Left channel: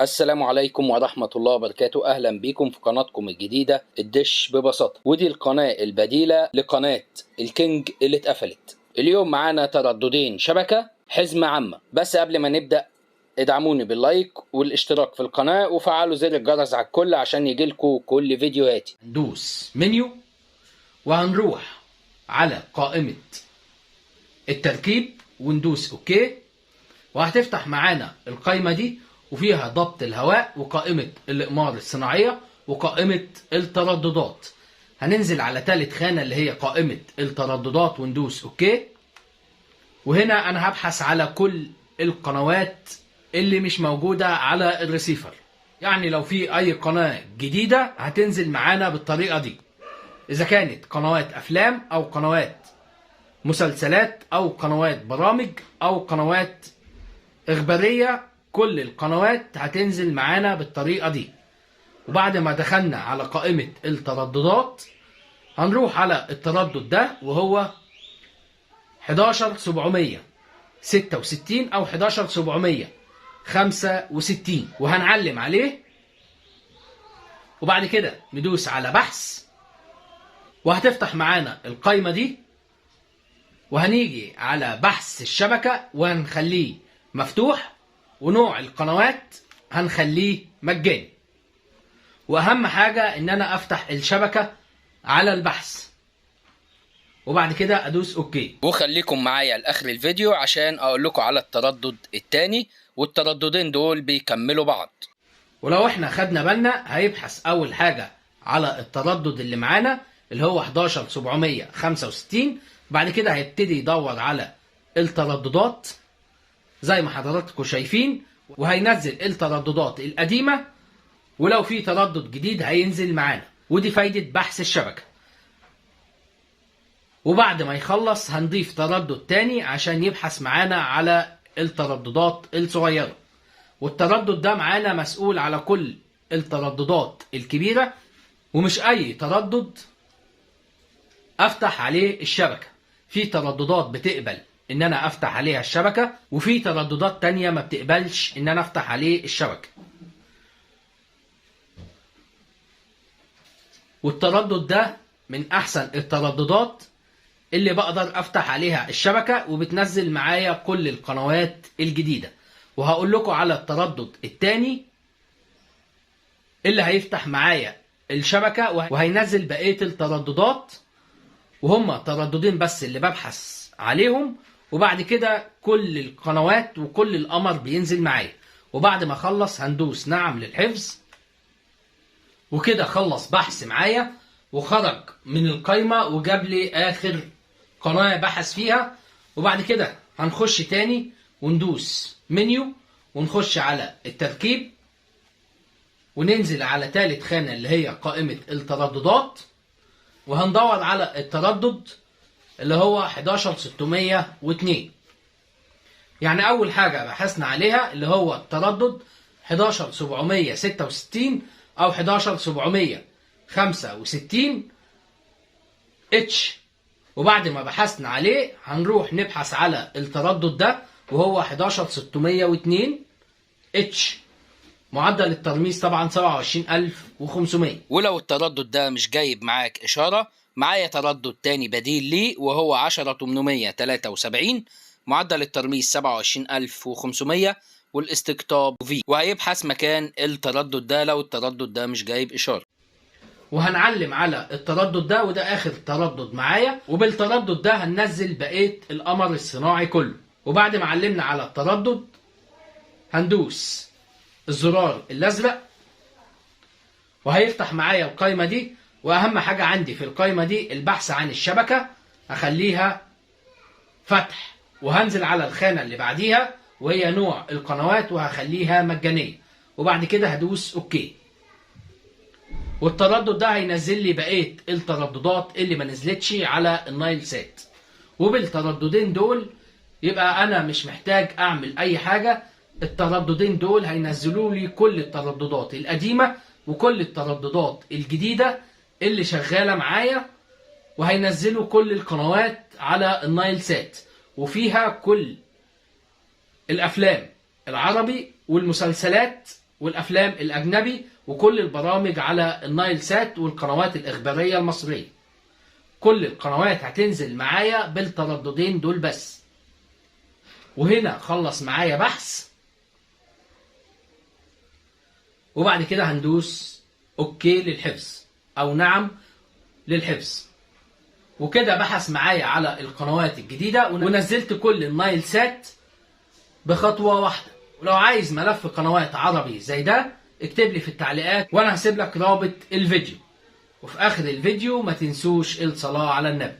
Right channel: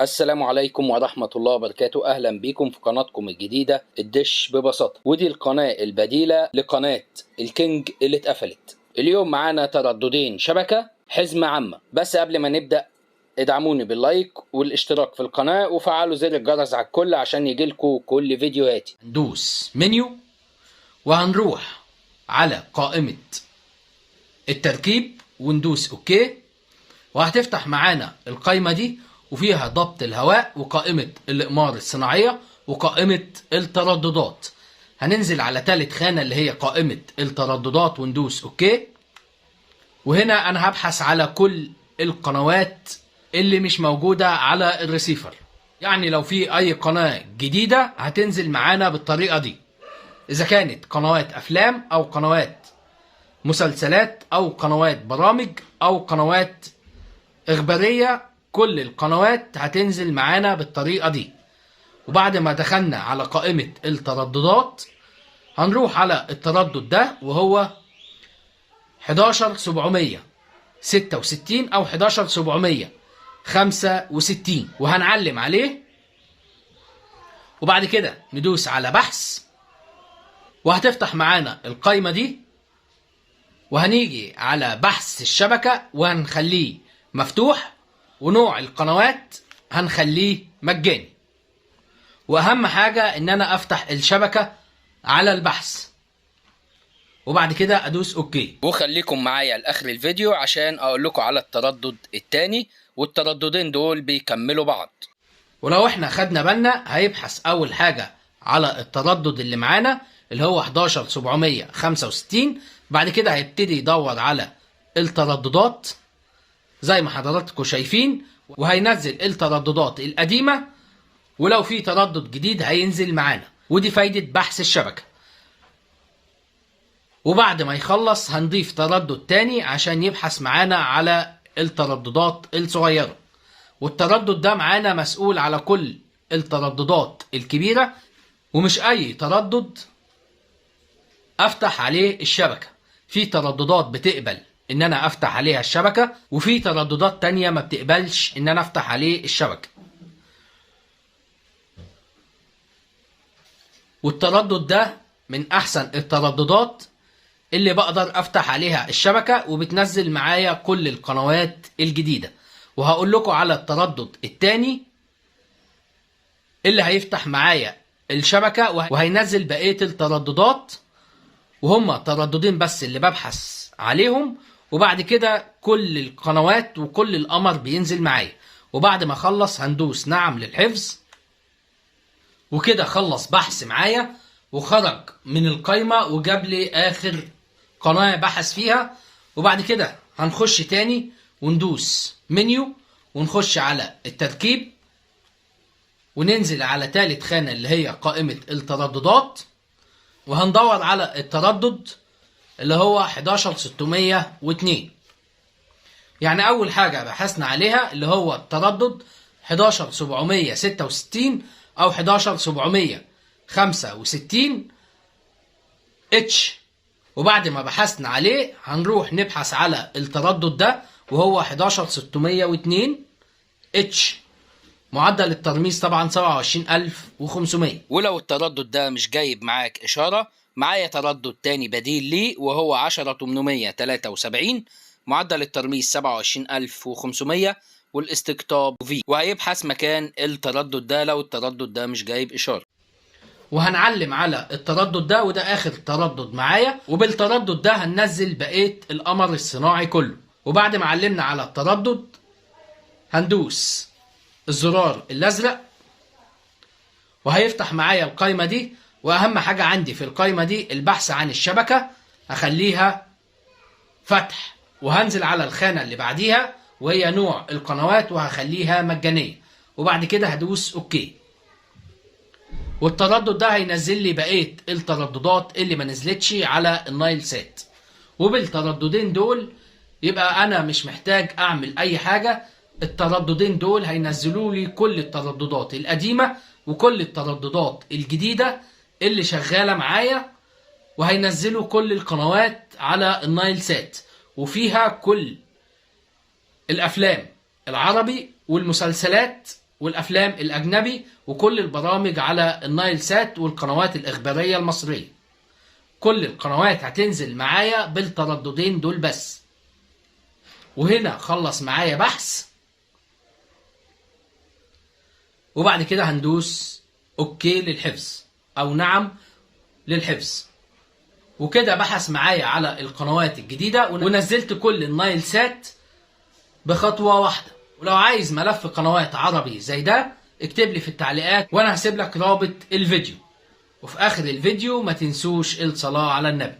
السلام عليكم ورحمة الله وبركاته. أهلا بكم في قناتكم الجديدة الدش ببساطة، ودي القناة البديلة لقناة الكينج اللي اتقفلت. اليوم معانا ترددين شبكة حزمة عامة، بس قبل ما نبدأ ادعموني باللايك والاشتراك في القناة وفعلوا زر الجرس على الكل عشان يجيلكوا كل فيديوهاتي. ندوس منيو وهنروح على قائمة التركيب وندوس اوكي، وهتفتح معانا القائمة دي وفيها ضبط الهواء وقائمة الإقمار الصناعية وقائمة الترددات. هننزل على ثالث خانة اللي هي قائمة الترددات وندوس اوكي، وهنا انا هبحث على كل القنوات اللي مش موجودة على الريسيفر. يعني لو في اي قناة جديدة هتنزل معانا بالطريقة دي، اذا كانت قنوات افلام او قنوات مسلسلات او قنوات برامج او قنوات اخبارية، كل القنوات هتنزل معانا بالطريقة دي. وبعد ما دخلنا على قائمة الترددات هنروح على التردد ده وهو 11766 او 11765 وهنعلم عليه، وبعد كده ندوس على بحث وهتفتح معانا القائمة دي، وهنيجي على بحث الشبكة وهنخليه مفتوح، ونوع القنوات هنخليه مجاني. واهم حاجة ان انا افتح الشبكة على البحث وبعد كده ادوس اوكي. وخليكم معايا لاخر الفيديو عشان اقول لكم على التردد الثاني، والترددين دول بيكملوا بعض. ولو احنا خدنا بالنا هيبحث اول حاجة على التردد اللي معانا اللي هو 11765، بعد كده هيبتدي يدور على الترددات زي ما حضراتكم شايفين، وهينزل الترددات القديمة، ولو في تردد جديد هينزل معانا. ودي فايدة بحث الشبكة. وبعد ما يخلص هنضيف تردد تاني عشان يبحث معانا على الترددات الصغيرة، والتردد ده معانا مسؤول على كل الترددات الكبيرة، ومش أي تردد أفتح عليه الشبكة. في ترددات بتقبل إن أنا أفتح عليها الشبكة، وفي ترددات تانية ما بتقبلش إن أنا أفتح عليه الشبكة. والتردد ده من أحسن الترددات اللي بقدر افتح عليها الشبكة وبتنزل معايا كل القنوات الجديدة. وهقول لكم على التردد الثاني اللي هيفتح معايا الشبكة وهينزل بقية الترددات، وهم ترددين بس اللي ببحث عليهم، وبعد كده كل القنوات وكل القمر بينزل معايا. وبعد ما اخلص هندوس نعم للحفظ، وكده خلص بحث معايا وخرج من القايمة وجاب لي آخر قناة بحث فيها. وبعد كده هنخش تاني وندوس منيو ونخش على التركيب وننزل على ثالث خانة اللي هي قائمة الترددات، وهندور على التردد اللي هو 11602. يعني أول حاجة بحثنا عليها اللي هو التردد 11766 أو 11765 اتش. وبعد ما بحثنا عليه هنروح نبحث على التردد ده وهو 11602 اتش. معدل الترميز طبعا 27500. ولو التردد ده مش جايب معاك إشارة، معايا تردد تاني بديل ليه وهو 10873، معدل الترميز 27500 والاستقطاب في، وهيبحث مكان التردد ده لو التردد ده مش جايب إشارة. وهنعلم على التردد ده، وده اخر تردد معايا، وبالتردد ده هننزل بقيه القمر الصناعي كله. وبعد ما علمنا على التردد هندوس الزرار الازرق وهيفتح معايا القائمه دي. واهم حاجه عندي في القائمه دي البحث عن الشبكه، هخليها فتح، وهنزل على الخانه اللي بعديها وهي نوع القنوات وهخليها مجانيه، وبعد كده هدوس اوكي. والتردد ده هينزل لي بقيه الترددات اللي ما نزلتش على النايل سات. وبالترددين دول يبقى انا مش محتاج اعمل اي حاجه. الترددين دول هينزلوا لي كل الترددات القديمه وكل الترددات الجديده اللي شغاله معايا، وهينزلوا كل القنوات على النايل سات، وفيها كل الافلام العربي والمسلسلات والأفلام الأجنبي وكل البرامج على النايل سات والقنوات الإخبارية المصرية. كل القنوات هتنزل معايا بالترددين دول بس. وهنا خلص معايا بحث، وبعد كده هندوس اوكي للحفظ او نعم للحفظ. وكده بحث معايا على القنوات الجديدة ونزلت كل النايل سات بخطوة واحدة. ولو عايز ملف قنوات عربي زي ده اكتب لي في التعليقات وانا هسيب لك رابط الفيديو. وفي اخر الفيديو ما تنسوش الصلاة على النبي.